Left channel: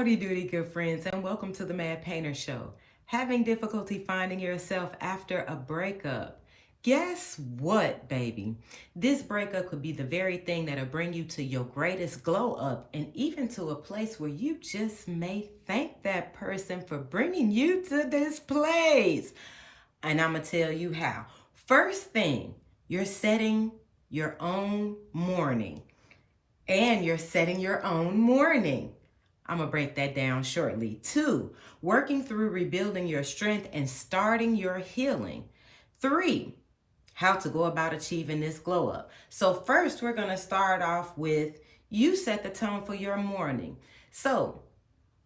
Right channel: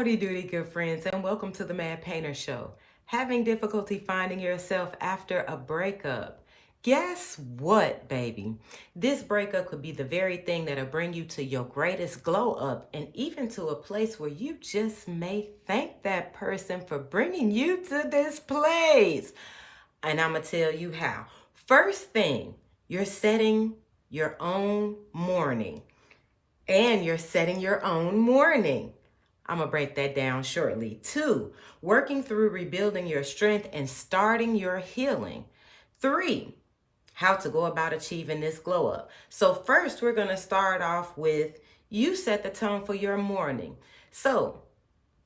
Howdy doody, good friends, and welcome to the Mad Painter Show. Having difficulty finding yourself after a breakup? Guess what, baby? This breakup could be the very thing that'll bring you to your greatest glow up and even to a place where you just may thank that person for bringing you to this place. And I'm going to tell you how. First thing, you're setting your own morning. And you're setting your own morning. I'm going to break that down shortly. 2, working through rebuilding your strength and starting your healing. 3, how to go about achieving this glow up. So first, we're going to start off with you set the tone for your morning. So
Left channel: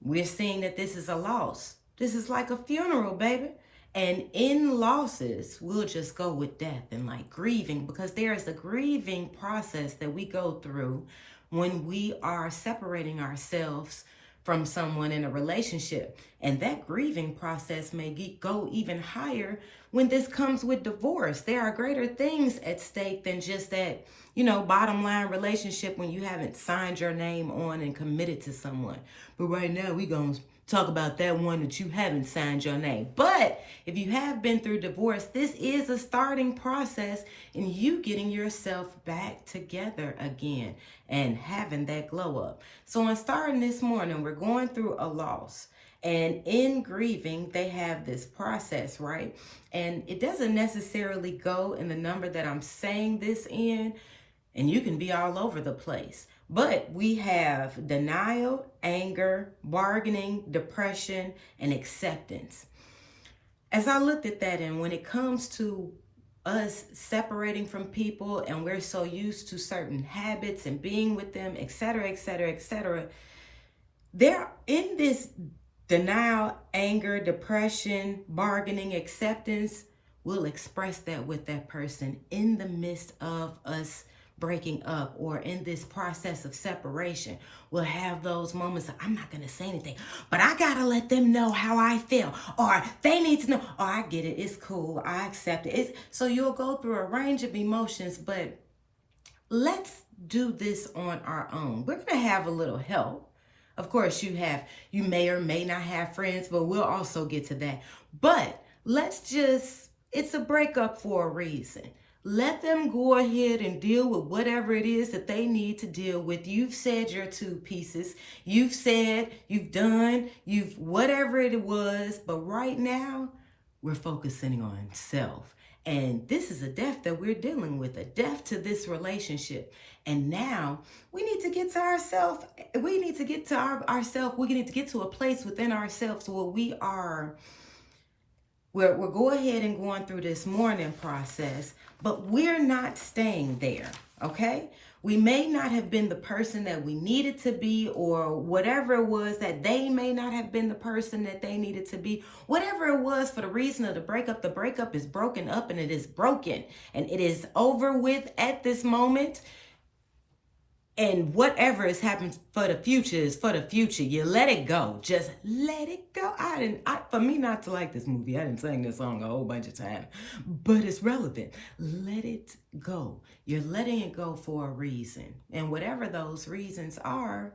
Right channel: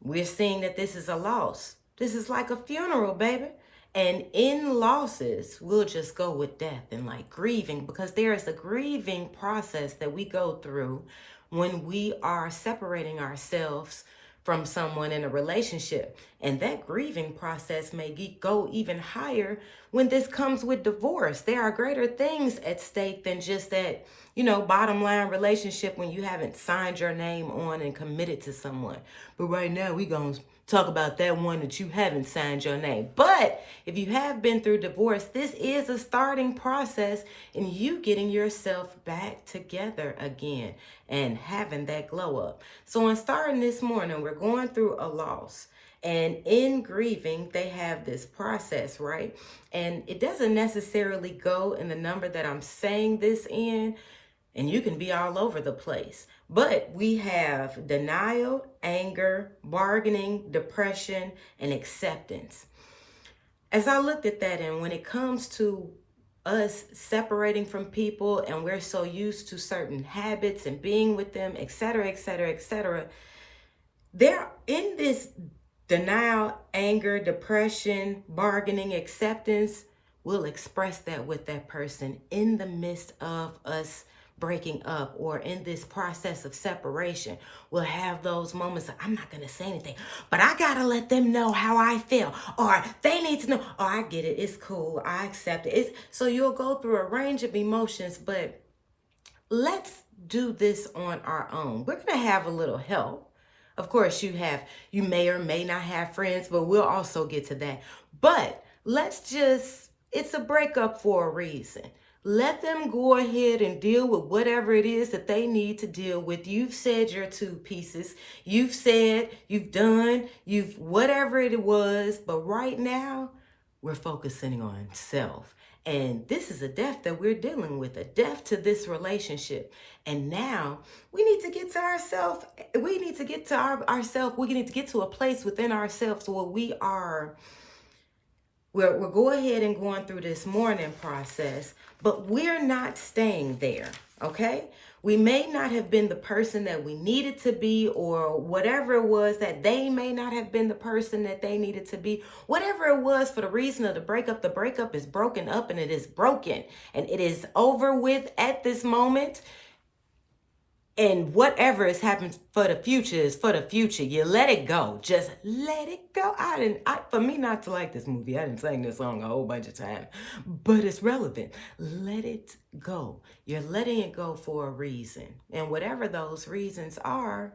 we're seeing that this is a loss. This is like a funeral, baby. And in losses, we'll just go with death and like grieving, because there is a grieving process that we go through when we are separating ourselves from someone in a relationship. And that grieving process may go even higher when this comes with divorce. There are greater things at stake than just that, bottom line relationship when you haven't signed your name on and committed to someone. But right now, we're going to talk about that one that you haven't signed your name. But if you have been through divorce, this is a starting process in you getting yourself back together again and having that glow up. So in starting this morning, we're going through a loss. And in grieving, they have this process, right? And it doesn't necessarily go in the number that I'm saying this in, and you can be all over the place. But we have denial, anger, bargaining, depression, and acceptance. As I looked at that, and when it comes to us separating from people and we're so used to certain habits and being with them, et cetera, et cetera, et cetera, they're in this denial, anger, depression, bargaining, acceptance. We'll express that with that person in the midst of us breaking up or in this process of separation. We'll have those moments of, I'm not going to say anything, but I got to let them know how I feel, or they need to know, oh, I get it. It's cool. I accept it. So you'll go through a range of emotions, but let's do this on our own. We're going to have a little help. Of course, you may or may not have friends, but we'll also get to that. But it's a breakup for a reason. Let them go ahead and deal with whatever it is that they need to deal with. You've said your 2 pieces. You've said, you've done, whatever it was. But right now, we're focusing on self. And this is a death that we're dealing with, a death to this relationship. And now we need to get to ourselves. We need to get to ourselves. We need to get to a place within ourselves where we're going ahead and going through this mourning process, but we're not staying there, okay? We may not have been the person that we needed to be, or whatever it was that they may not have been the person that they needed to be. Whatever it was for the reason of the breakup is broken up, and it is broken, and it is over with at this moment. And whatever has happened for the future is for the future. You let it go. Just let it go. For me not to like this movie, I didn't sing this song a whole bunch of times, but it's relevant. Let it go. You're letting it go for a reason. And whatever those reasons are,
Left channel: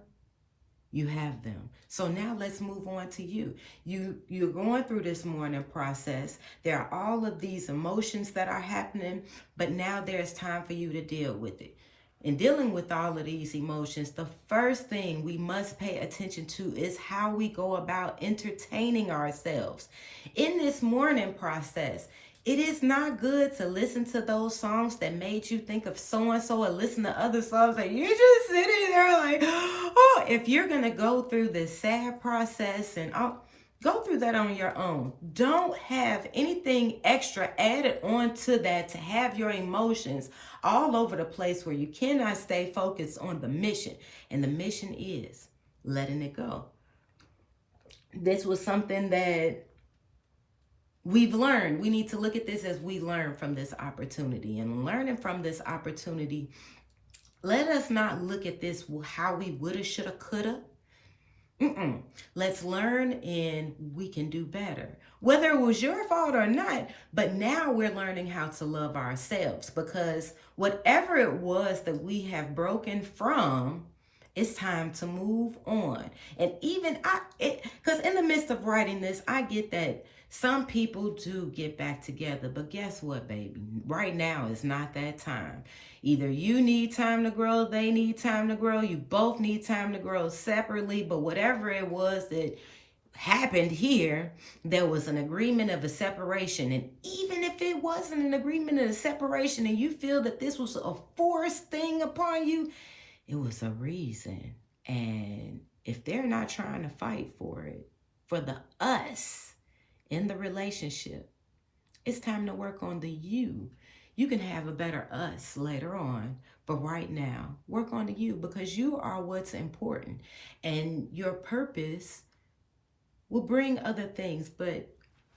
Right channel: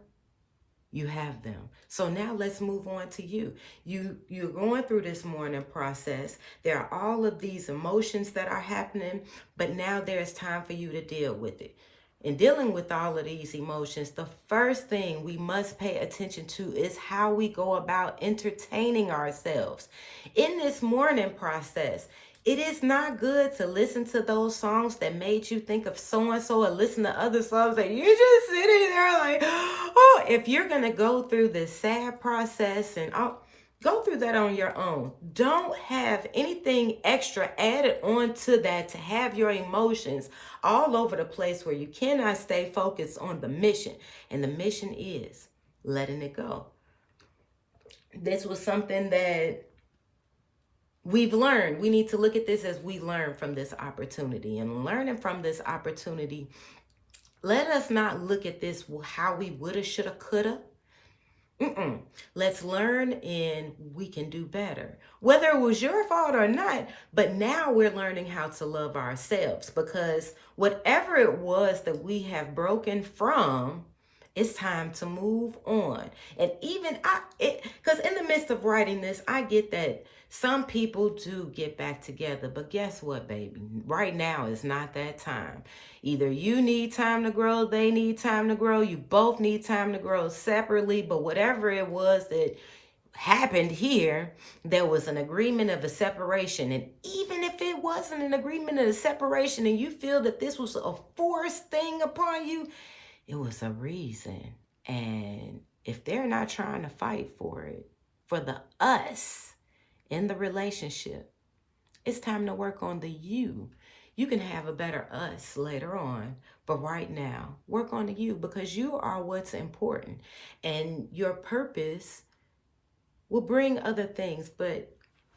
you have them. So now let's move on to you. You're going through this mourning process. There are all of these emotions that are happening, but now there's time for you to deal with it. In dealing with all of these emotions, the first thing we must pay attention to is how we go about entertaining ourselves. In this mourning process, it is not good to listen to those songs that made you think of so-and-so, or listen to other songs that you're just sitting there like, oh, if you're going to go through this sad process and go through that on your own. Don't have anything extra added on to that to have your emotions all over the place where you cannot stay focused on the mission. And the mission is letting it go. This was something that we've learned. We need to look at this as we learn from this opportunity. And learning from this opportunity, let us not look at this how we woulda, shoulda, coulda. Let's learn, and we can do better. Whether it was your fault or not, but now we're learning how to love ourselves, because whatever it was that we have broken from, It's time to move on. And even because in the midst of writing this, I get that some people do get back together. But guess what, baby? Right now is not that time. Either you need time to grow, they need time to grow, you both need time to grow separately. But whatever it was that happened here, there was an agreement of a separation. And even if it wasn't an agreement of a separation and you feel that this was a forced thing upon you, it was a reason. And if they're not trying to fight for it, for the us in the relationship, it's time to work on the you. You can have a better us later on, but right now, work on the you, because you are what's important. And your purpose will bring other things, but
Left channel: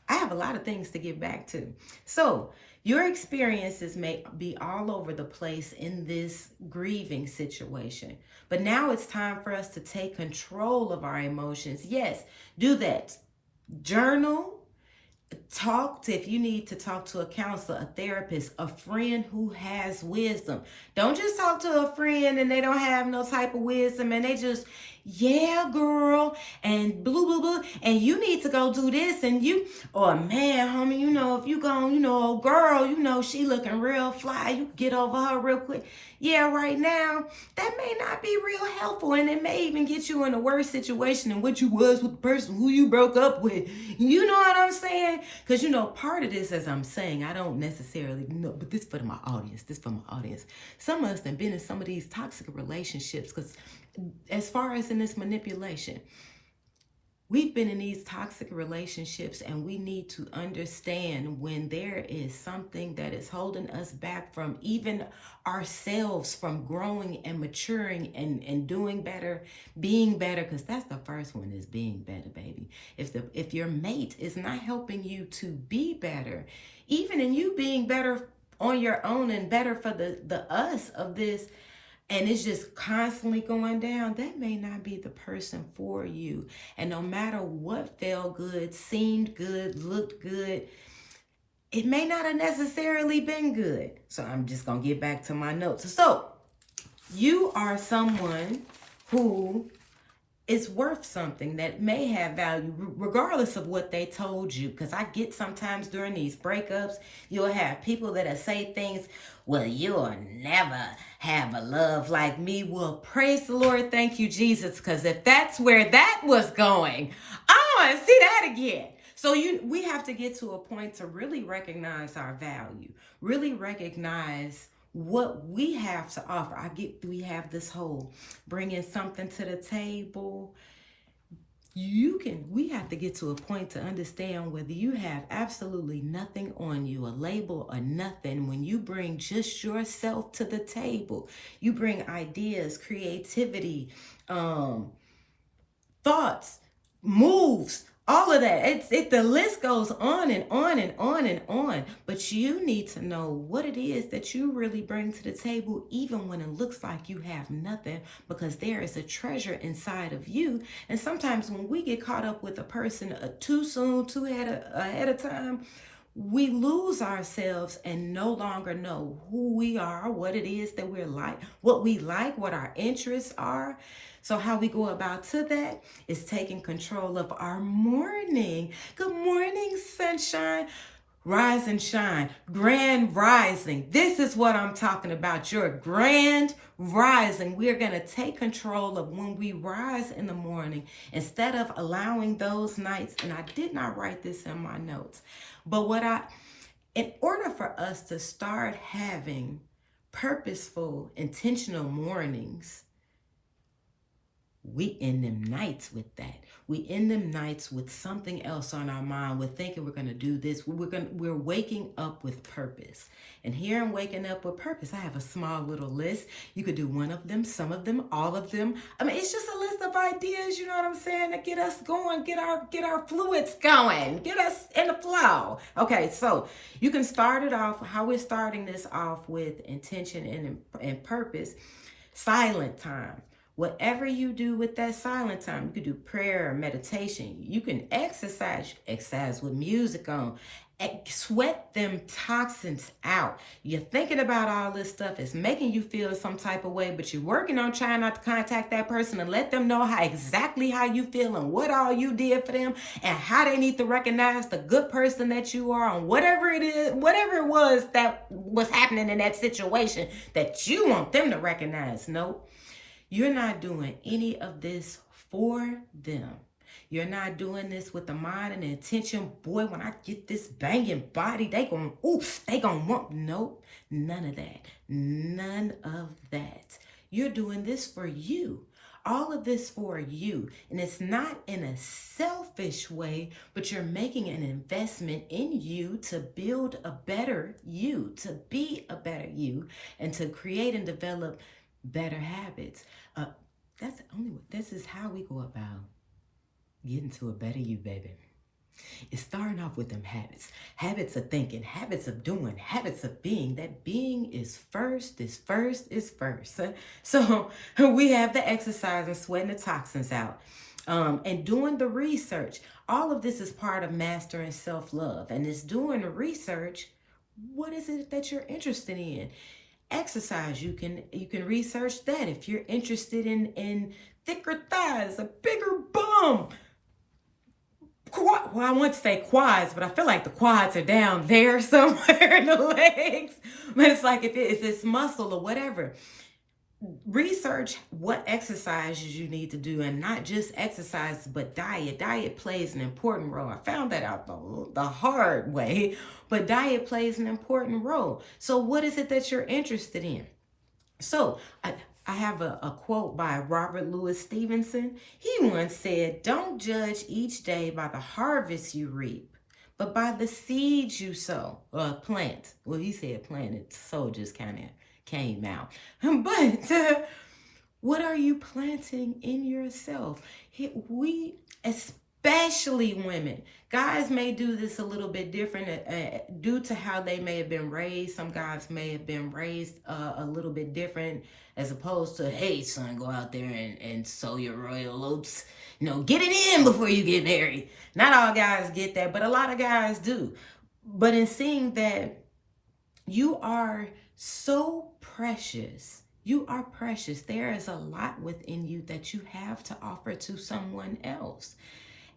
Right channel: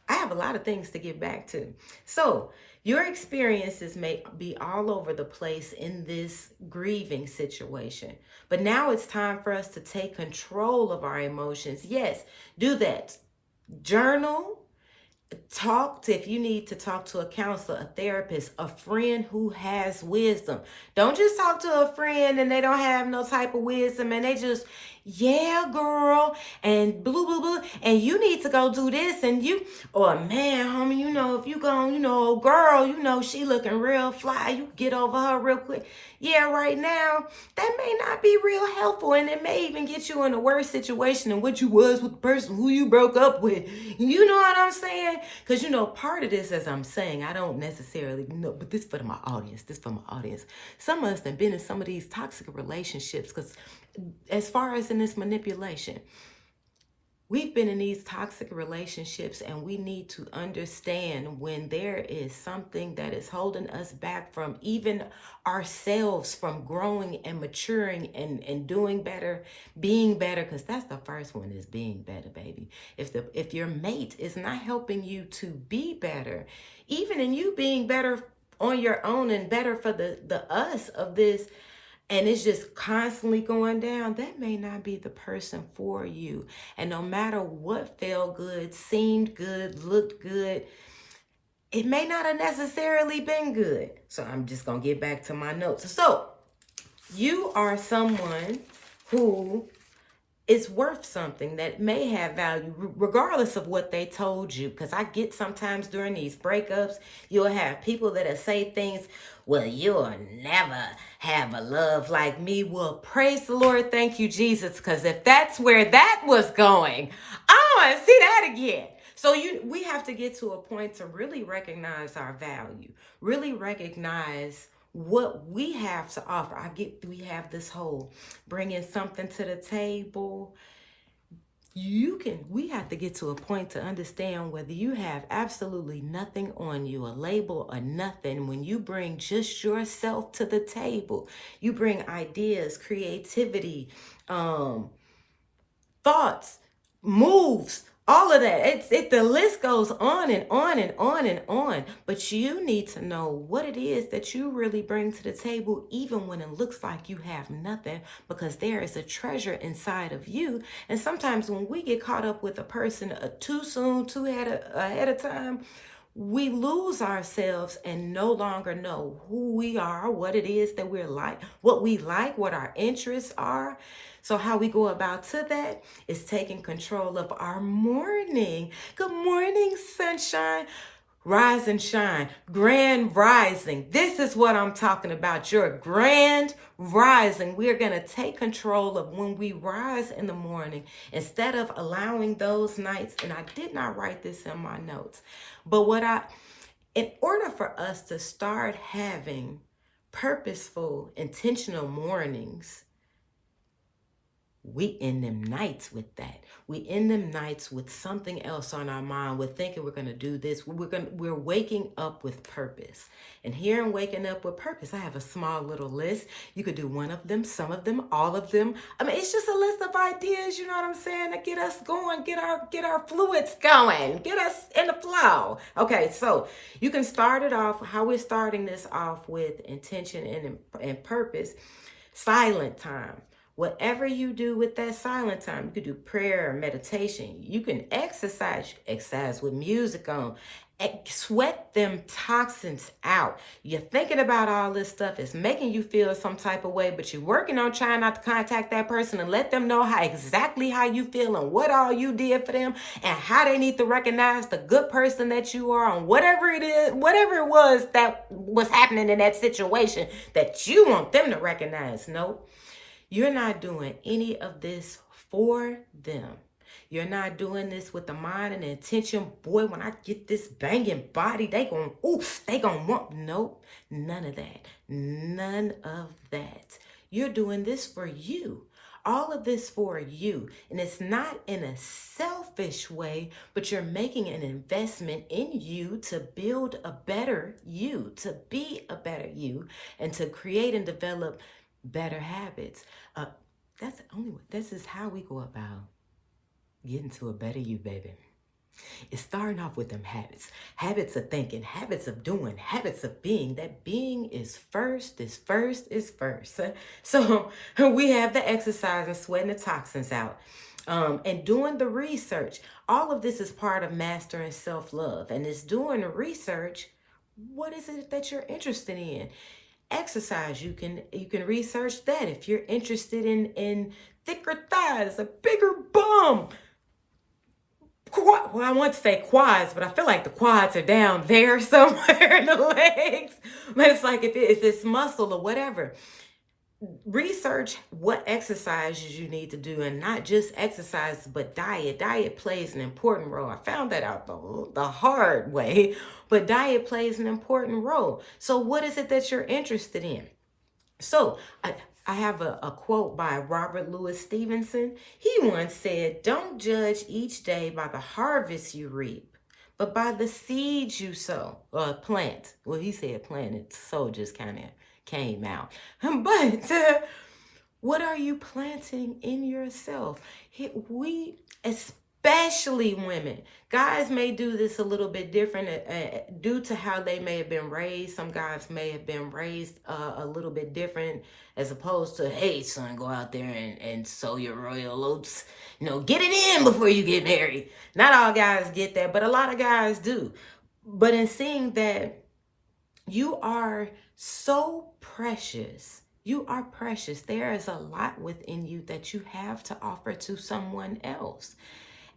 I have a lot of things to get back to. So your experiences may be all over the place in this grieving situation, but now it's time for us to take control of our emotions. Yes, do that. Journal. Talk to, if you need to talk to a counselor, a therapist, a friend who has wisdom. Don't just talk to a friend and they don't have no type of wisdom and they just, yeah, girl, and blah, blah, blah, and you need to go do this, and you, or man, homie, you know, if you go, you know, girl, you know, she looking real fly, you get over her real quick. Yeah, right now, that may not be real helpful, and it may even get you in a worse situation than what you was with the person who you broke up with. You know what I'm saying? Because, you know, part of this, as I'm saying, I don't necessarily know, but this for my audience, Some of us have been in some of these toxic relationships, because as far as in this manipulation, we've been in these toxic relationships, and we need to understand when there is something that is holding us back from even ourselves from growing and maturing and doing better, being better, because that's the first one, is being better, baby. If your mate is not helping you to be better, even in you being better on your own and better for the us of this, and it's just constantly going down, that may not be the person for you. And no matter what felt good, seemed good, looked good, it may not have necessarily been good. So I'm just going to get back to my notes. So you are someone who is worth something that may have value, regardless of what they told you. Because I get sometimes during these breakups, you'll have people that'll say things, well, you'll never have a love like me. Well, praise the Lord. Thank you, Jesus. Because if that's where that was going, I want to see that again. So we have to get to a point to really recognize our value, really recognize what we have to offer. We have this whole bringing something to the table. We have to get to a point to understand whether you have absolutely nothing on you, a label or nothing. When you bring just yourself to the table, you bring ideas, creativity, thoughts, moves, all of that. The list goes on and on and on and on. But you need to know what it is that you really bring to the table, even when it looks like you have nothing, because there is a treasure inside of you. And sometimes when we get caught up with a person too soon, too ahead of time, we lose ourselves and no longer know who we are, what it is that we're like, what our interests are. So how we go about to that is taking control of our morning. Good morning, sunshine. Rise and shine. Grand rising. This is what I'm talking about. Your grand rising. We're going to take control of when we rise in the morning, instead of allowing those nights. And I did not write this in my notes, but in order for us to start having purposeful, intentional mornings, we end them nights with that. We end them nights with something else on our mind. We're thinking we're going to do this. We're waking up with purpose. And here in waking up with purpose, I have a small little list. You could do one of them, some of them, all of them. I mean, it's just a list of ideas, you know what I'm saying, to get us going, get our fluids going, get us in the flow. Okay, so you can start it off, how we're starting this off, with intention and purpose. Silent time. Whatever you do with that silent time, you could do prayer or meditation. You can exercise with music on. Sweat them toxins out. You're thinking about all this stuff. It's making you feel some type of way, but you're working on trying not to contact that person and let them know exactly how you feel and what all you did for them and how they need to recognize the good person that you are and whatever it is, whatever it was that was happening in that situation that you want them to recognize. Nope. You're not doing any of this for them. You're not doing this with the mind and the intention, boy, when I get this banging body, they gonna want, nope, none of that. None of that. You're doing this for you. All of this for you. And it's not in a selfish way, but you're making an investment in you to build a better you, to be a better you, and to create and develop better habits. This is how we go about getting to a better you, baby. It's starting off with them habits. Habits of thinking, habits of doing, habits of being. That being is first. So we have the exercise and sweating the toxins out. And doing the research. All of this is part of mastering self-love. And it's doing the research. What is it that you're interested in? Exercise. You can research that. If you're interested in thicker thighs, a bigger bum. Well, I want to say quads, but I feel like the quads are down there somewhere in the legs. But it's like if it's muscle or whatever. Research what exercises you need to do, and not just exercise, but diet. Diet plays an important role. I found that out the hard way, but diet plays an important role. So what is it that you're interested in? So I have a quote by Robert Louis Stevenson. He once said, "Don't judge each day by the harvest you reap, but by the seeds you sow or plant." Well, he said planted, sow just kind of came out. But what are you planting in yourself? We, especially women, guys may do this a little bit different due to how they may have been raised. Some guys may have been raised a little bit different, as opposed to, hey, son, go out there and sow your royal oats. Get it in before you get married. Not all guys get that, but a lot of guys do. But in seeing that you are so precious, you are precious. There is a lot within you that you have to offer to someone else.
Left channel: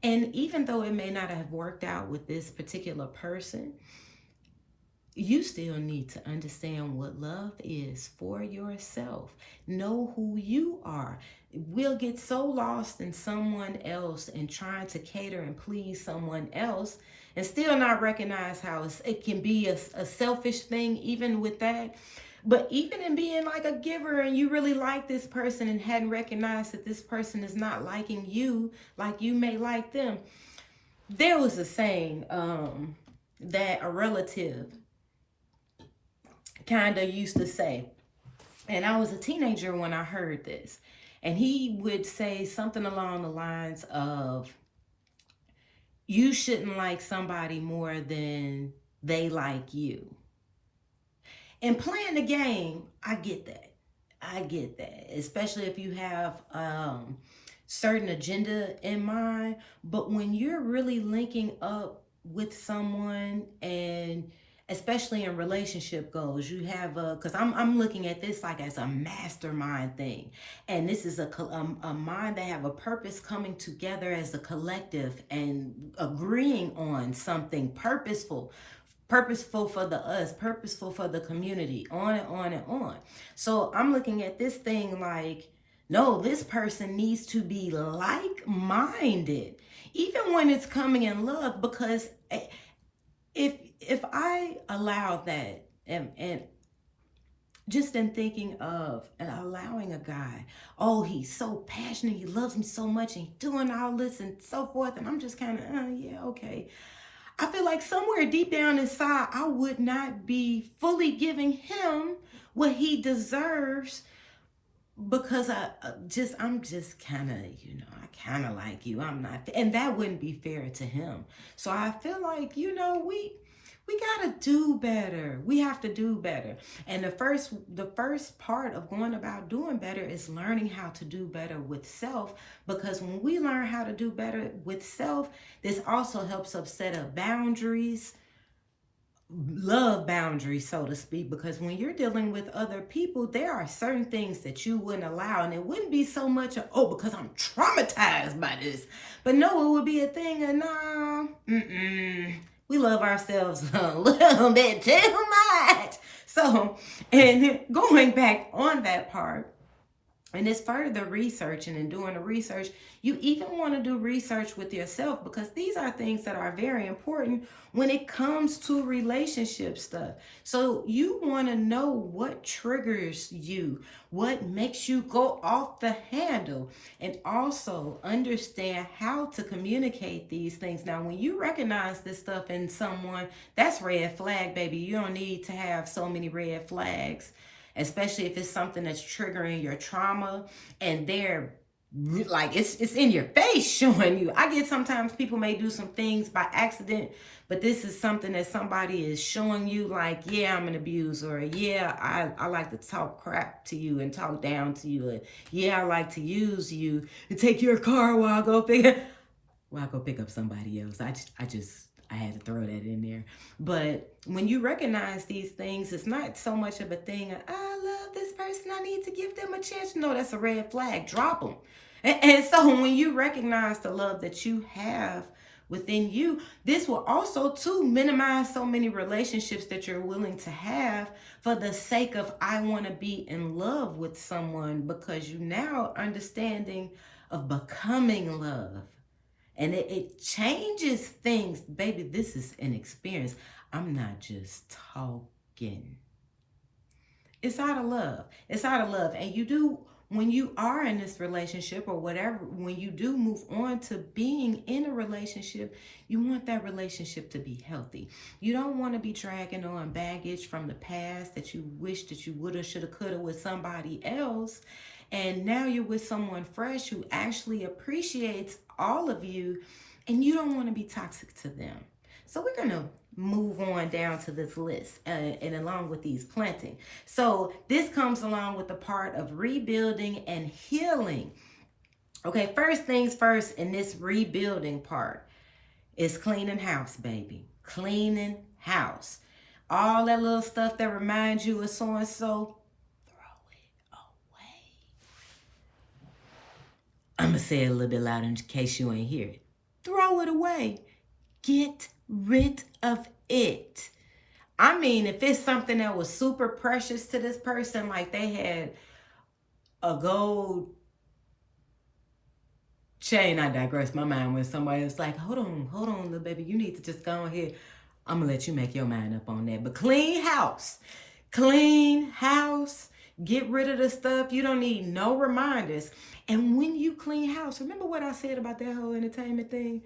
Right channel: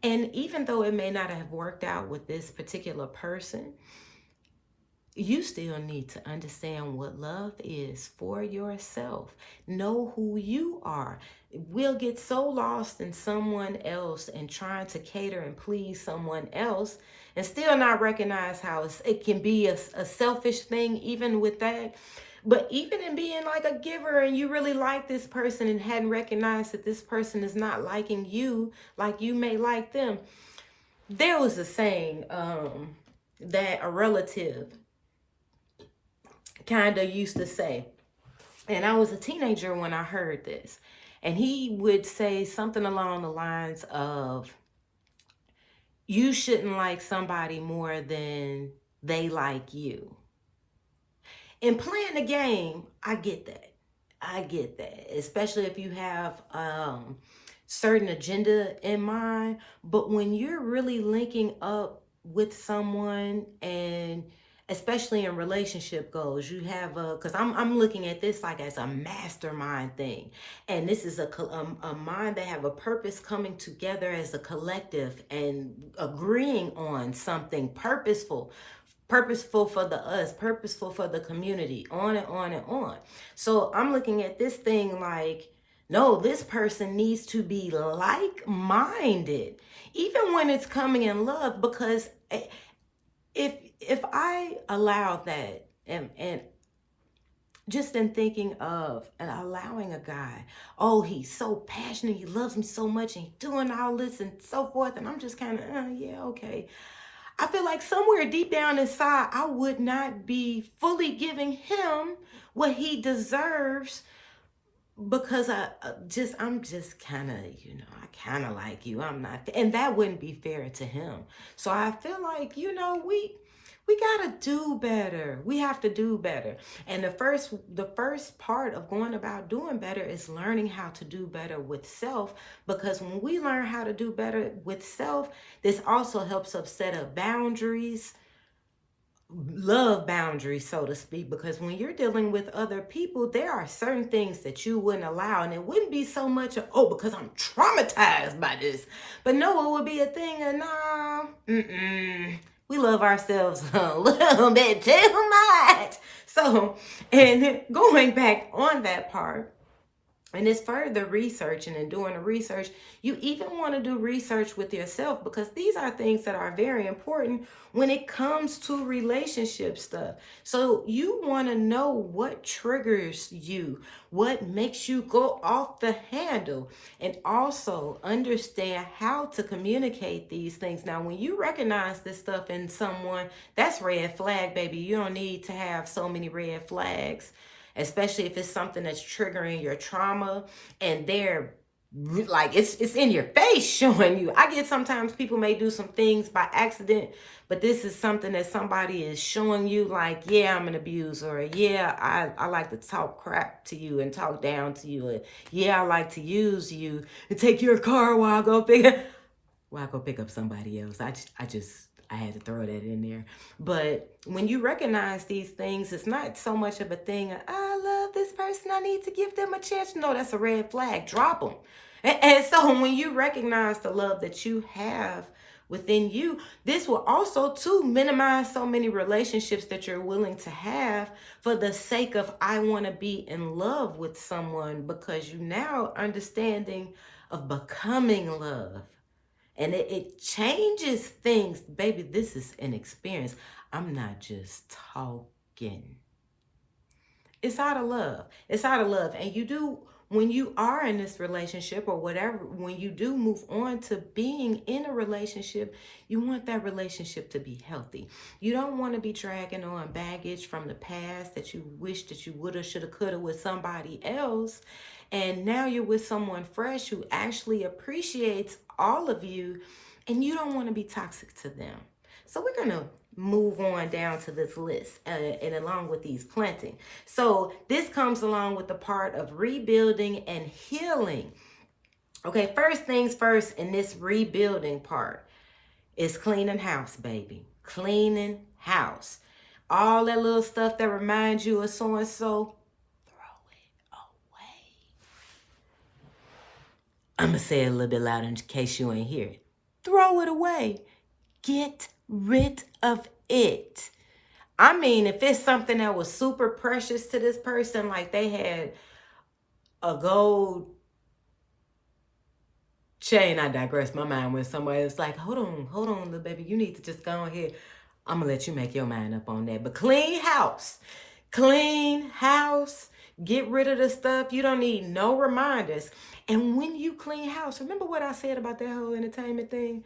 And even though it may not have worked out with this particular person, you still need to understand what love is for yourself. Know who you are. We'll get so lost in someone else and trying to cater and please someone else and still not recognize how it can be a selfish thing even with that. But even in being like a giver and you really like this person and hadn't recognized that this person is not liking you like you may like them. There was a saying that a relative kind of used to say, and I was a teenager when I heard this, and he would say something along the lines of, you shouldn't like somebody more than they like you. And playing the game, I get that, especially if you have certain agenda in mind. But when you're really linking up with someone, and especially in relationship goals, you have because I'm looking at this like as a mastermind thing, and this is a mind that have a purpose coming together as a collective and agreeing on something purposeful for the us, purposeful for the community, on and on and on. So I'm looking at this thing like, no, this person needs to be like-minded, even when it's coming in love, because if I allow that and just in thinking of and allowing a guy, oh, he's so passionate, he loves me so much, and he's doing all this and so forth, and I'm just kind of, yeah, okay. I feel like somewhere deep down inside, I would not be fully giving him what he deserves, because I'm just kind of, I kind of like you. I'm not, and that wouldn't be fair to him. So I feel like, we got to do better. We have to do better. And the first part of going about doing better is learning how to do better with self, because when we learn how to do better with self, this also helps us set up boundaries love boundaries, so to speak, because when you're dealing with other people, there are certain things that you wouldn't allow, and it wouldn't be so much of, oh, because I'm traumatized by this, but no, it would be a thing of, nah, we love ourselves a little bit too much. So, and going back on that part, and it's further researching and doing the research. You even want to do research with yourself, because these are things that are very important when it comes to relationship stuff. So you want to know what triggers you, what makes you go off the handle, and also understand how to communicate these things. Now, when you recognize this stuff in someone, that's red flag, baby. You don't need to have so many red flags, especially if it's something that's triggering your trauma, and they're like, it's in your face showing you. I get sometimes people may do some things by accident, but this is something that somebody is showing you, like, yeah, I'm an abuser, or yeah, I like to talk crap to you and talk down to you, or yeah, I like to use you and take your car while I go pick up somebody else. I had to throw that in there. But when you recognize these things, it's not so much of a thing of, I love this person, I need to give them a chance. No, that's a red flag. Drop them. And so when you recognize the love that you have within you, this will also too minimize so many relationships that you're willing to have for the sake of, I want to be in love with someone, because you now understanding of becoming love. And it changes things. Baby, this is an experience. I'm not just talking. It's out of love. It's out of love. And you do, when you are in this relationship or whatever, when you do move on to being in a relationship, you want that relationship to be healthy. You don't want to be dragging on baggage from the past that you wish that you woulda, shoulda, coulda with somebody else. And now you're with someone fresh who actually appreciates all of you, and you don't want to be toxic to them. So we're going to move on down to this list, and along with these planting. So this comes along with the part of rebuilding and healing. Okay, first things first in this rebuilding part is cleaning house, baby. Cleaning house. All that little stuff that reminds you of so-and-so, throw it away. I'm going to say it a little bit louder in case you ain't hear it. Throw it away. Get rid of it. I mean, if it's something that was super precious to this person, like they had a gold chain, I digress. My mind went somewhere. It's like, hold on, little baby. You need to just go ahead. I'm going to let you make your mind up on that. But clean house. Clean house. Get rid of the stuff. You don't need no reminders. And when you clean house, remember what I said about that whole entertainment thing?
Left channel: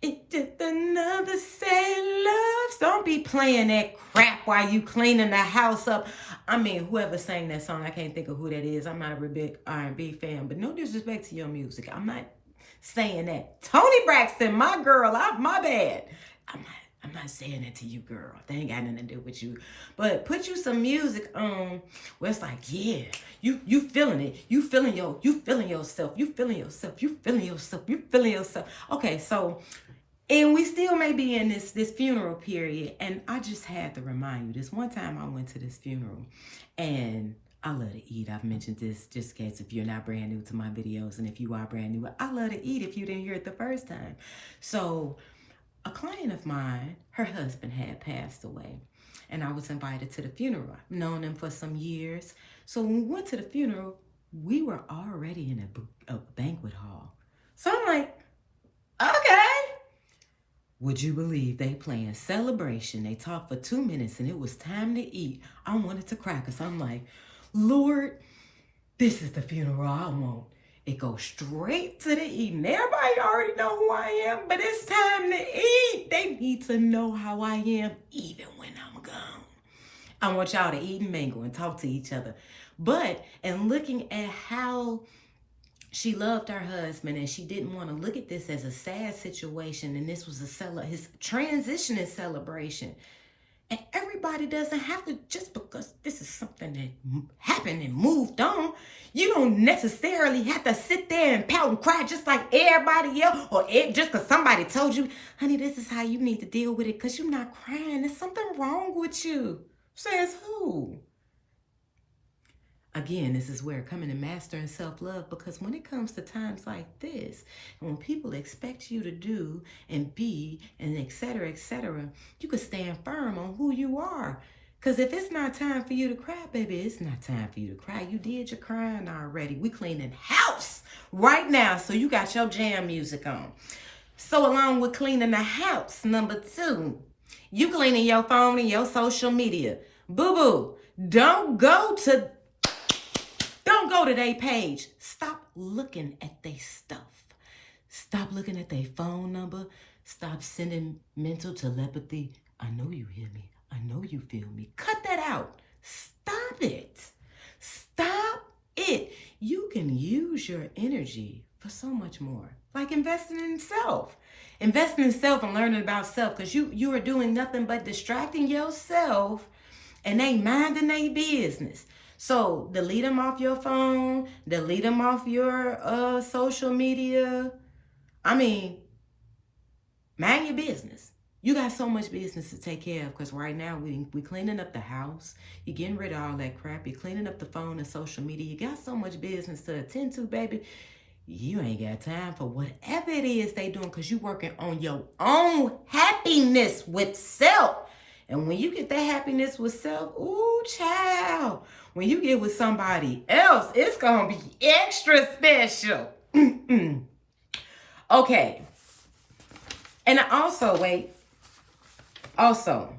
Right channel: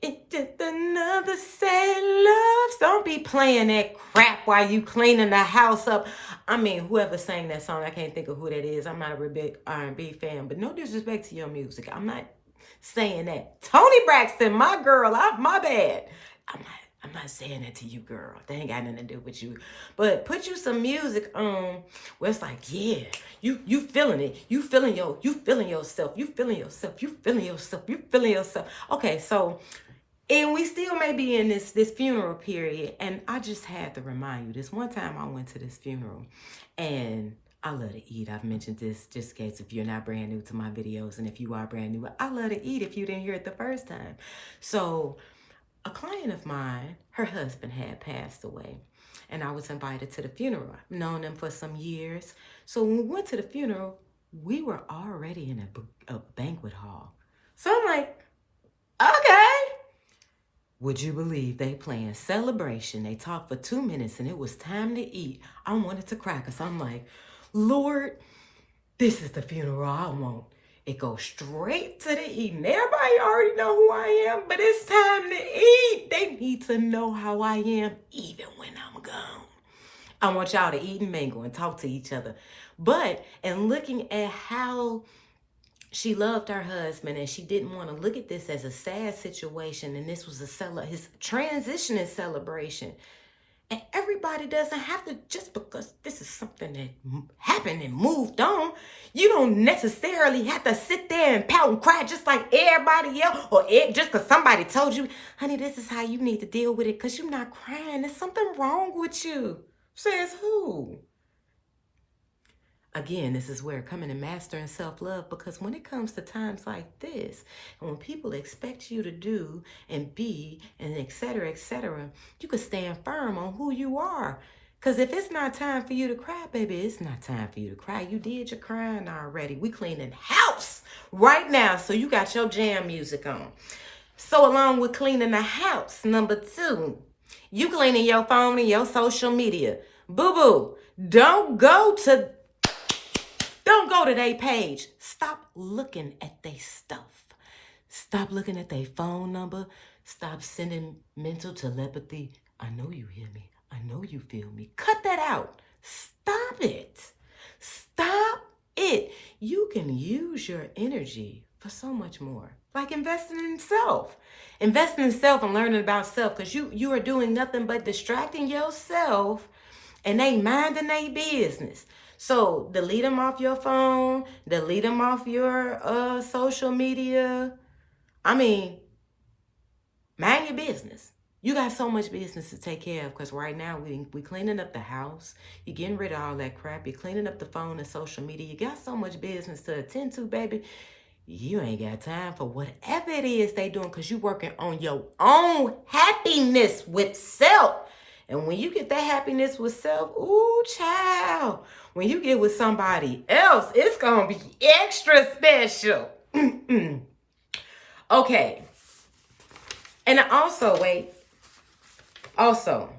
It's just another sad love. Don't be playing that crap while you cleaning the house up. I mean, whoever sang that song, I can't think of who that is. I'm not a big R&B fan, but no disrespect to your music. I'm not saying that. Toni Braxton, my girl, my bad. I'm not saying that to you, girl. They ain't got nothing to do with you. But put you some music on where it's like, yeah, you feeling it. You feeling yourself. You feeling yourself. You feeling yourself. You feeling yourself. Okay, so, and we still may be in this funeral period. And I just had to remind you, this one time I went to this funeral, and I love to eat. I've mentioned this just in case if you're not brand new to my videos, and if you are brand new, I love to eat if you didn't hear it the first time. So a client of mine, her husband had passed away, and I was invited to the funeral. I've known them for some years. So when we went to the funeral, we were already in a banquet hall. So I'm like, okay. Would you believe they playing Celebration? They talked for 2 minutes and it was time to eat. I wanted to cry because I'm like, Lord, this is the funeral I want. It goes straight to the eating. Everybody already know who I am, but it's time to eat. They need to know how I am even when I'm gone. I want y'all to eat and mingle and talk to each other. But in looking at how she loved her husband, and she didn't want to look at this as a sad situation, and this was his transition and celebration. And everybody doesn't have to, just because this is something that happened and moved on, you don't necessarily have to sit there and pout and cry just like everybody else, or just because somebody told you, honey, this is how you need to deal with it, because you're not crying. There's something wrong with you. Says who? Again, this is where coming and mastering self-love, because when it comes to times like this, and when people expect you to do and be and et cetera, you can stand firm on who you are. Because if it's not time for you to cry, baby, it's not time for you to cry. You did your crying already. We cleaning house right now, so you got your jam music on. So along with cleaning the house, number 2, you cleaning your phone and your social media. Boo-boo, don't go to their page. Stop looking at their stuff. Stop looking at their phone number. Stop sending mental telepathy. I know you hear me. I know you feel me. Cut that out. Stop it. Stop it. You can use your energy for so much more. Like investing in self. Investing in self and learning about self, because you are doing nothing but distracting yourself, and they minding their business. So delete them off your phone, delete them off your social media. I mean, mind your business. You got so much business to take care of, because right now we cleaning up the house. You're getting rid of all that crap. You're cleaning up the phone and social media. You got so much business to attend to, baby. You ain't got time for whatever it is they doing, because you working on your own happiness with self. And when you get that happiness with self, ooh, child, when you get with somebody else, it's going to be extra special. Okay. And also, okay, so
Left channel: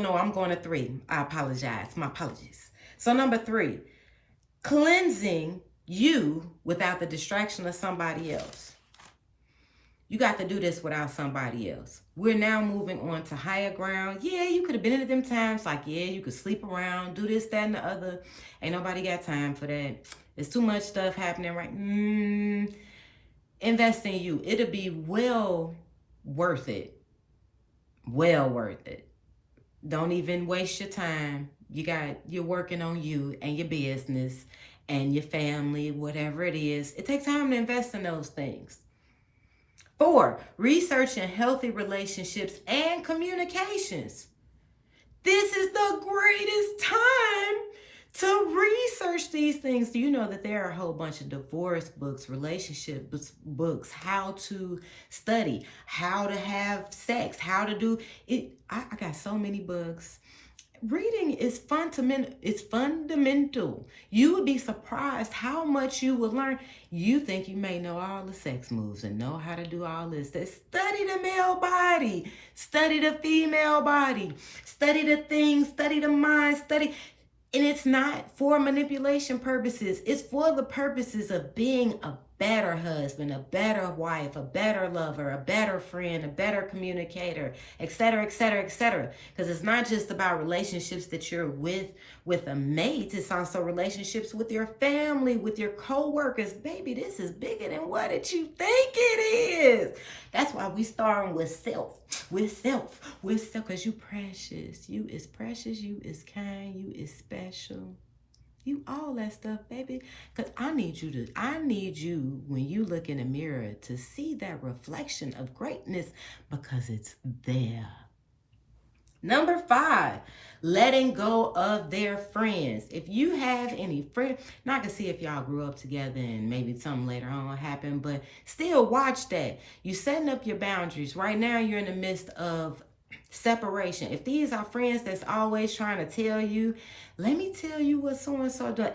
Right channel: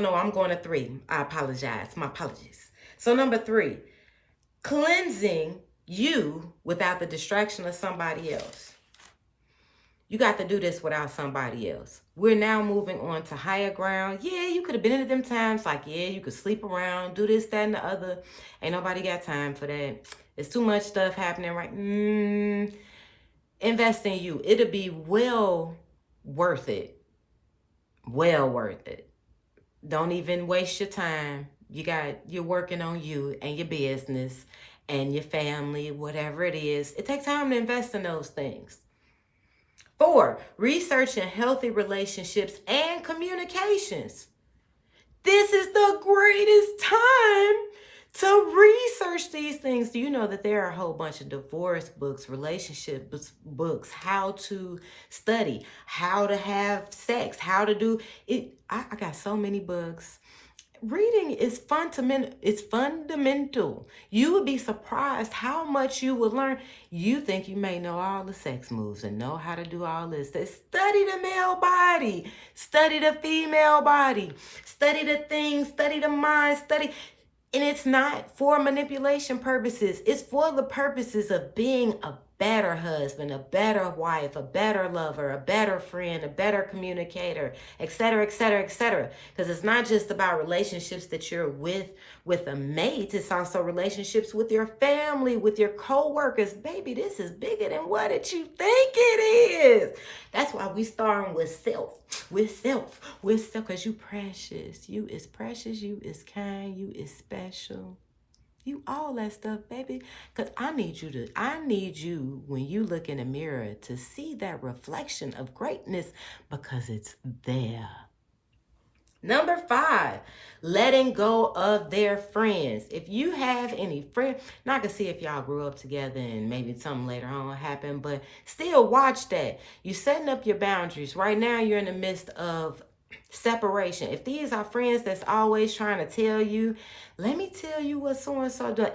no, I'm going to 3. I apologize. My apologies. So number 3, cleansing you without the distraction of somebody else. You got to do this without somebody else. We're now moving on to higher ground. Yeah, you could have been at them times like, yeah, you could sleep around, do this, that, and the other. Ain't nobody got time for that. There's too much stuff happening right. Invest in you. It'll be well worth it. Well worth it. Don't even waste your time. You're working on you and your business and your family, whatever it is. It takes time to invest in those things. 4, researching healthy relationships and communications. This is the greatest time to research these things. Do you know that there are a whole bunch of divorce books, relationship books, how to study, how to have sex, how to do it. I got so many books. Reading is fundamental. It's fundamental. You would be surprised how much you will learn. You think you may know all the sex moves and know how to do all this. Study the male body. Study the female body. Study the things. Study the mind. Study. And it's not for manipulation purposes. It's for the purposes of being a better husband, a better wife, a better lover, a better friend, a better communicator, et cetera, et cetera, et cetera. Because it's not just about relationships that you're with a mate. It's also relationships with your family, with your co-workers. Baby, this is bigger than what you think it is. That's why we starting with self, because you precious. You is precious. You is kind. You is special. You all that stuff, baby. Because I need you when you look in the mirror to see that reflection of greatness, because it's there. Number 5, letting go of their friends. If you have any friends, not to see if y'all grew up together and maybe something later on happened, but still watch that. You setting up your boundaries. Right now, you're in the midst of separation. If these are friends that's always trying to tell you, let me tell you what so-and-so does.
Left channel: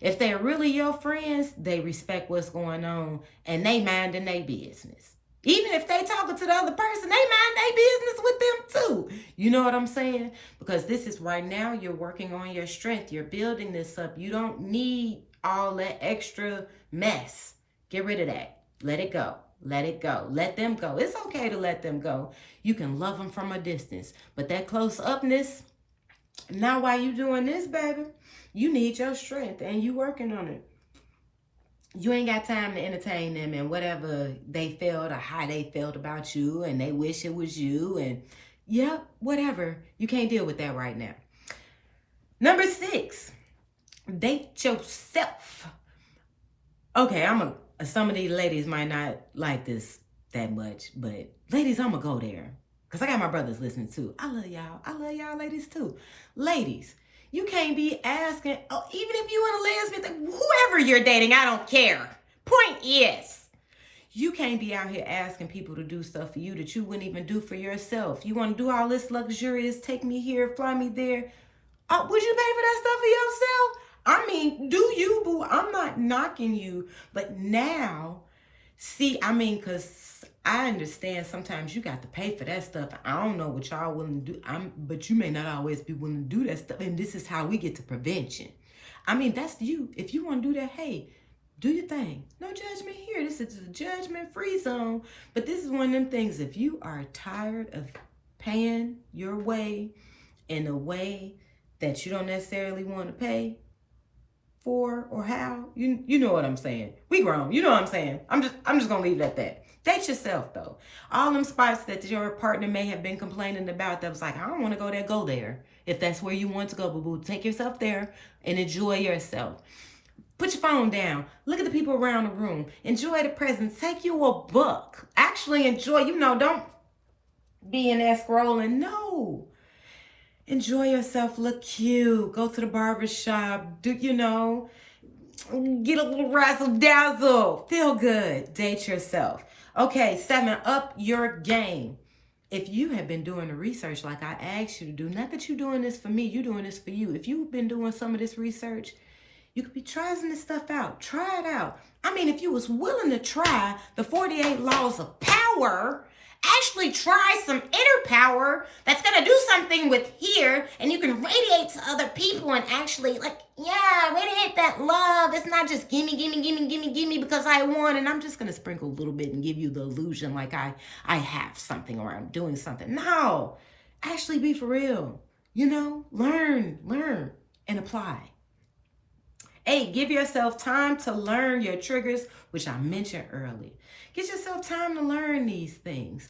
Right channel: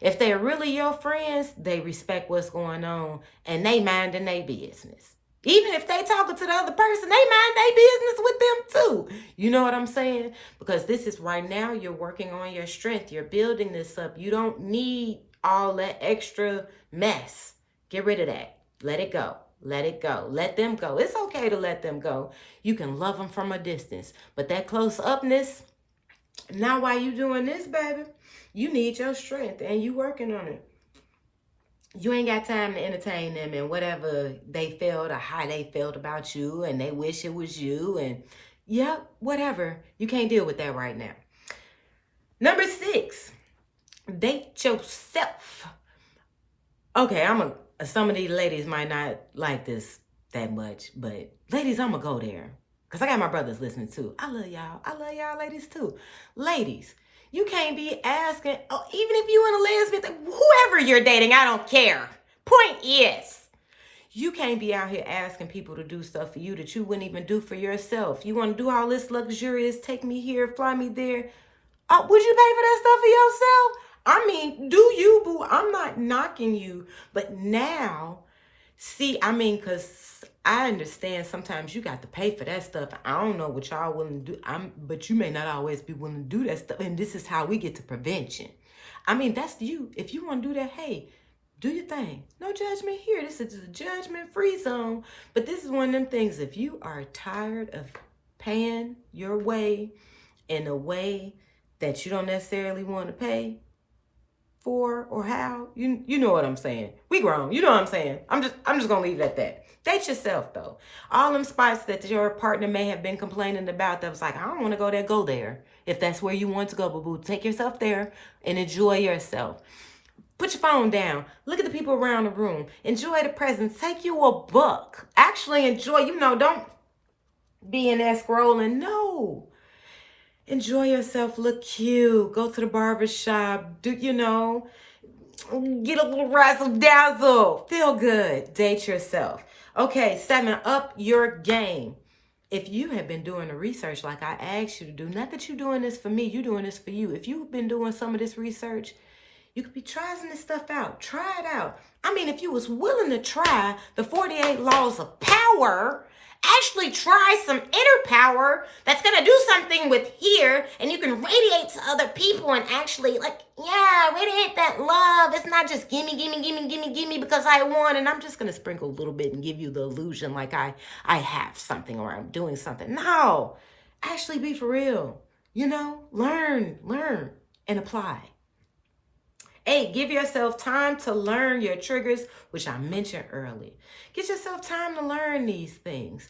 If they're really your friends, they respect what's going on and they minding their business. Even if they talking to the other person, they mind their business with them too. You know what I'm saying? Because this is right now, you're working on your strength. You're building this up. You don't need all that extra mess. Get rid of that. Let it go. Let it go. Let them go. It's okay to let them go. You can love them from a distance. But that close upness, now while you doing this, baby, you need your strength and you working on it. You ain't got time to entertain them and whatever they felt or how they felt about you, and they wish it was you, and yep, whatever. You can't deal with that right now. Number 6, date yourself. Okay, some of these ladies might not like this that much, but ladies, I'm gonna go there. Because I got my brothers listening too. I love y'all. I love y'all ladies too. Ladies, you can't be asking, oh, even if you and a lesbian, whoever you're dating, I don't care. Point is, you can't be out here asking people to do stuff for you that you wouldn't even do for yourself. You want to do all this luxurious, take me here, fly me there. Would you pay for that stuff for yourself? I mean, do you, boo? I'm not knocking you. But now, see, I mean, because I understand sometimes you got to pay for that stuff. I don't know what y'all willing to do. But you may not always be willing to do that stuff. And this is how we get to prevention. I mean, that's you. If you want to do that, hey, do your thing. No judgment here. This is a judgment-free zone. But this is one of them things. If you are tired of paying your way in a way that you don't necessarily want to pay for or how, you know what I'm saying. We grown. You know what I'm saying. I'm just gonna leave it at that. Date yourself though. All them spots that your partner may have been complaining about that was like, I don't want to go there, go there. If that's where you want to go, boo-boo, take yourself there and enjoy yourself. Put your phone down. Look at the people around the room. Enjoy the presence. Take you a book. Actually enjoy, don't be in there scrolling. No. Enjoy yourself. Look cute. Go to the barber shop. Get a little razzle dazzle. Feel good. Date yourself. Okay, 7, up your game. If you have been doing the research like I asked you to do, not that you're doing this for me, you're doing this for you. If you've been doing some of this research, you could be trying this stuff out. Try it out. I mean, if you was willing to try the 48 laws of power, actually try some inner power that's going to do something with here, and you can radiate to other people and actually, radiate that love. It's not just gimme because I won, and I'm just going to sprinkle a little bit and give you the illusion like I have something or I'm doing something. No, actually be for real. Learn and apply. 8, give yourself time to learn your triggers, which I mentioned earlier. Get yourself time to learn these things.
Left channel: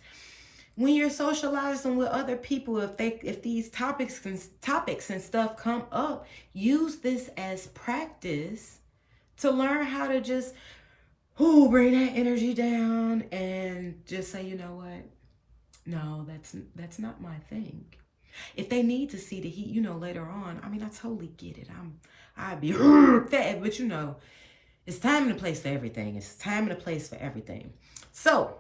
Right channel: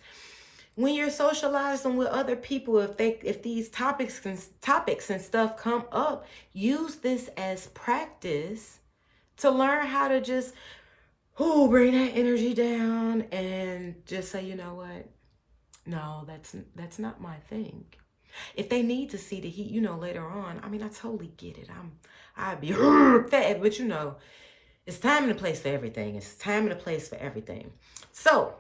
When you're socializing with other people, if these topics and stuff come up, use this as practice to learn how to just bring that energy down and just say, you know what? No, that's not my thing. If they need to see the heat, later on, I mean, I totally get it. I'd be fed, but it's time and a place for everything. It's time and a place for everything. So,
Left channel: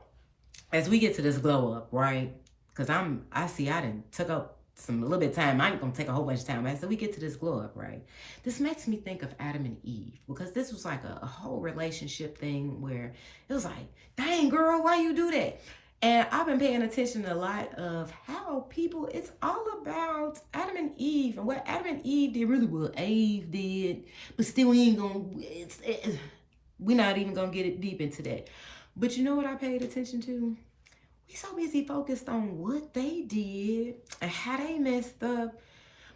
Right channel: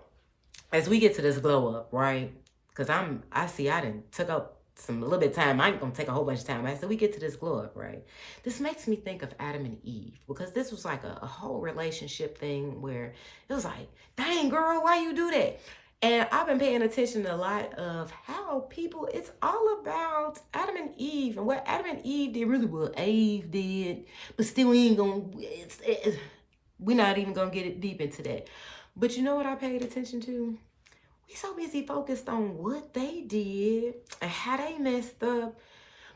as we get to this glow up, right? Because I didn't took up a little bit of time. I ain't gonna take a whole bunch of time. So we get to this glow up, right? This makes me think of Adam and Eve, because this was like a whole relationship thing where it was like, dang girl, why you do that? And I've been paying attention to a lot of how people, it's all about Adam and Eve. And what Adam and Eve did really well, Eve did. But still, we're not even going to get it deep into that. But you know what I paid attention to? We so busy focused on what they did and how they messed up.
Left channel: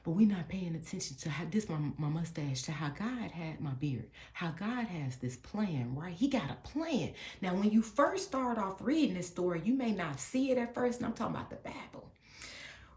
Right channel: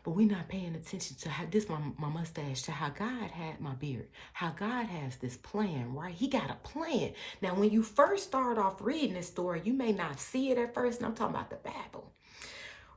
But we're not paying attention to how this, my mustache, to how God had my beard, how God has this plan, right? He got a plan. Now, when you first start off reading this story, you may not see it at first. And I'm talking about the Bible.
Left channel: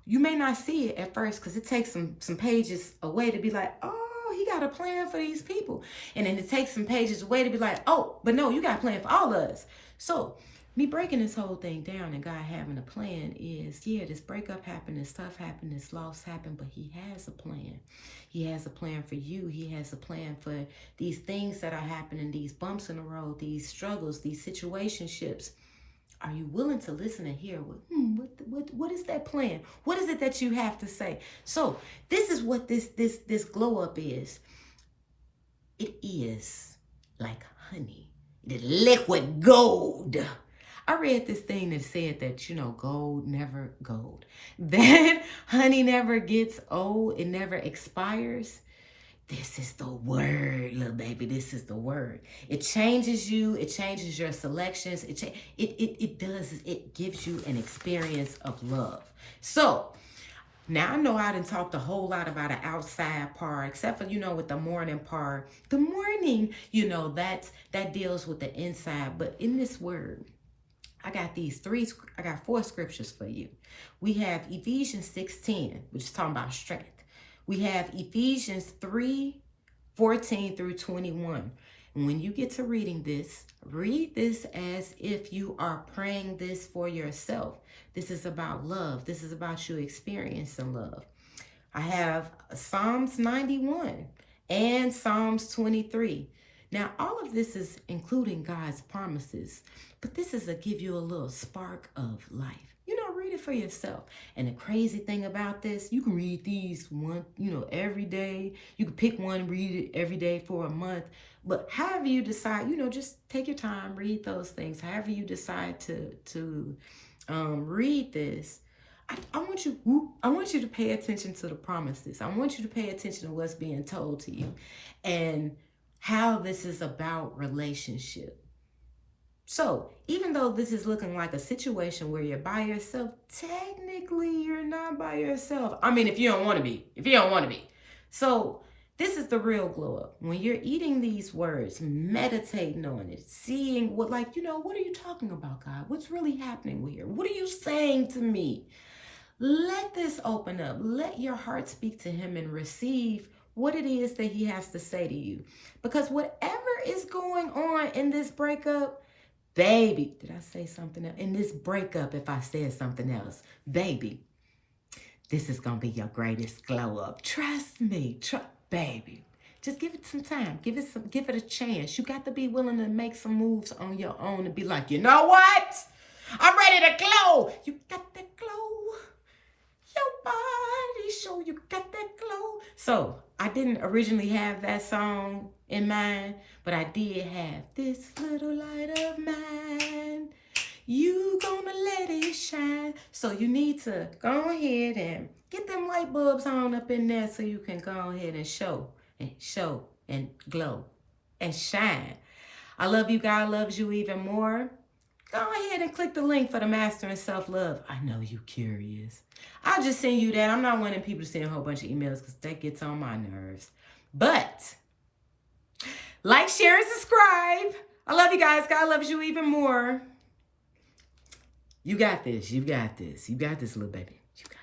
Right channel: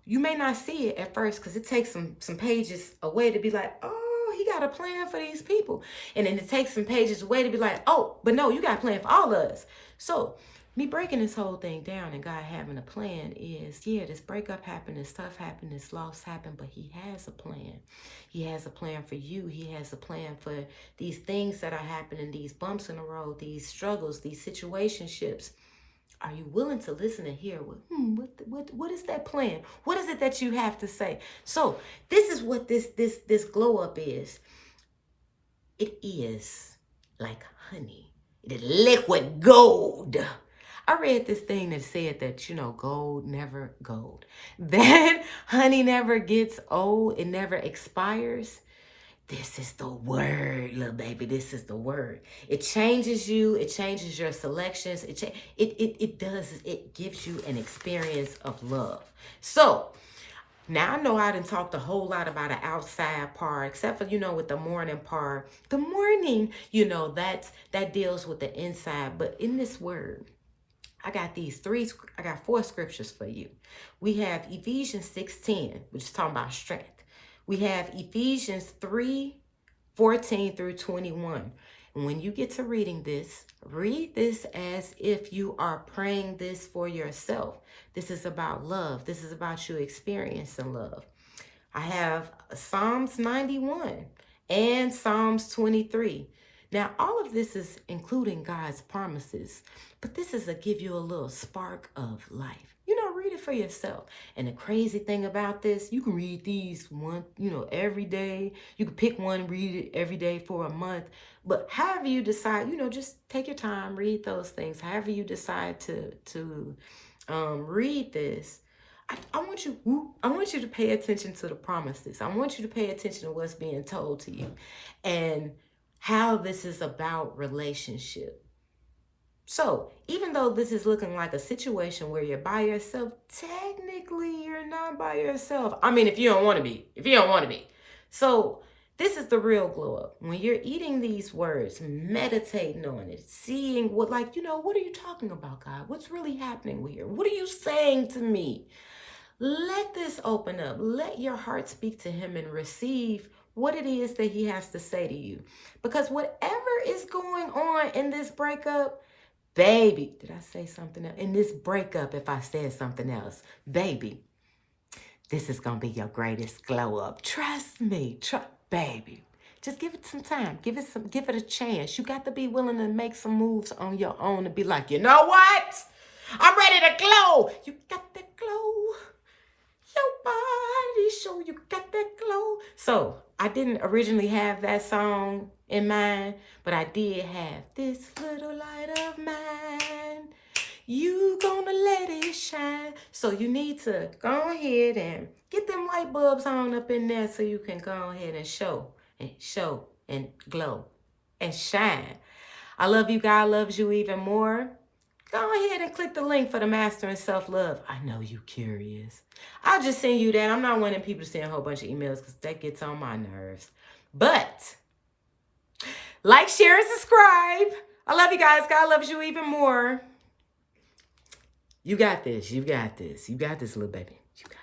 You may not see it at first because it takes some pages away to be like, oh, he got a plan for these people. And then it takes some pages away to be like, oh, but no, you got a plan for all of us. So me breaking this whole thing down and God having a plan is, this breakup happened, this stuff happened, this loss happened, but he has a plan. He has a plan for you. He has a plan for these things that are happening, these bumps in the road, these struggles, these situationships. Are you willing to listen and hear what is that plan? What is it that you have to say? So this is what this glow up is. It is like honey. It is liquid gold. I read this thing that said that, gold never gold. That honey never gets old. It never expires. This is the word, little baby. This is the word. It changes you. It changes your selections. It gives you an experience of love. So Now, I know I didn't talk a whole lot about an outside part, except for, with the morning part. The morning, that deals with the inside. But in this word, I got four scriptures for you. We have Ephesians 6:10, which is talking about strength. We have Ephesians 3:14 through 21. And when you get to reading this, read this as if you are praying this for yourself. This is about love. This is about you experiencing love. I have Psalms 91 and Psalms 23. Now, all of this is including God's promises, but this is to give you a little spark of life. Read it for yourself. And the crazy thing about this, you can read these every day. You can pick one, read it every day for a month. But however you decide, just take your time, read those things. However you decide to read this, I want you to pay attention to the promises. I want you to pay attention to what's being told to you and how this is about relationship. So even though this is looking like a situation where you're by yourself, technically you're not by yourself. I mean, if you don't want to be. So this is the real glow up. When you're eating these words, meditating on it, seeing what are you talking about, God? What's really happening here? What are you saying to me? Let this open up. Let your heart speak to him and receive what it is that he has to say to you. Because whatever is going on in this breakup, baby, did I say something else? In this breakup, if I said something else, baby, this is going to be your greatest glow up. Trust me, baby. Just give it some time. Give it a chance. You got to be willing to make some moves on your own and be like, you know what? I'm ready to glow. You got that glow. Your body show you got that glow. So I didn't originally have that song in mind, but I did have this little light of mine. You gonna let it shine. So you need to go ahead and get them light bulbs on up in there so you can go ahead and show and glow and shine. I love you. God loves you even more. Go ahead and click the link for the Mastering Self-Love. I know you're curious. I'll just send you that. I'm not wanting people to send a whole bunch of emails because that gets on my nerves. But like, share, and subscribe. I love you guys. God loves you even more. You got this. You got this. You got this, little baby. You got this.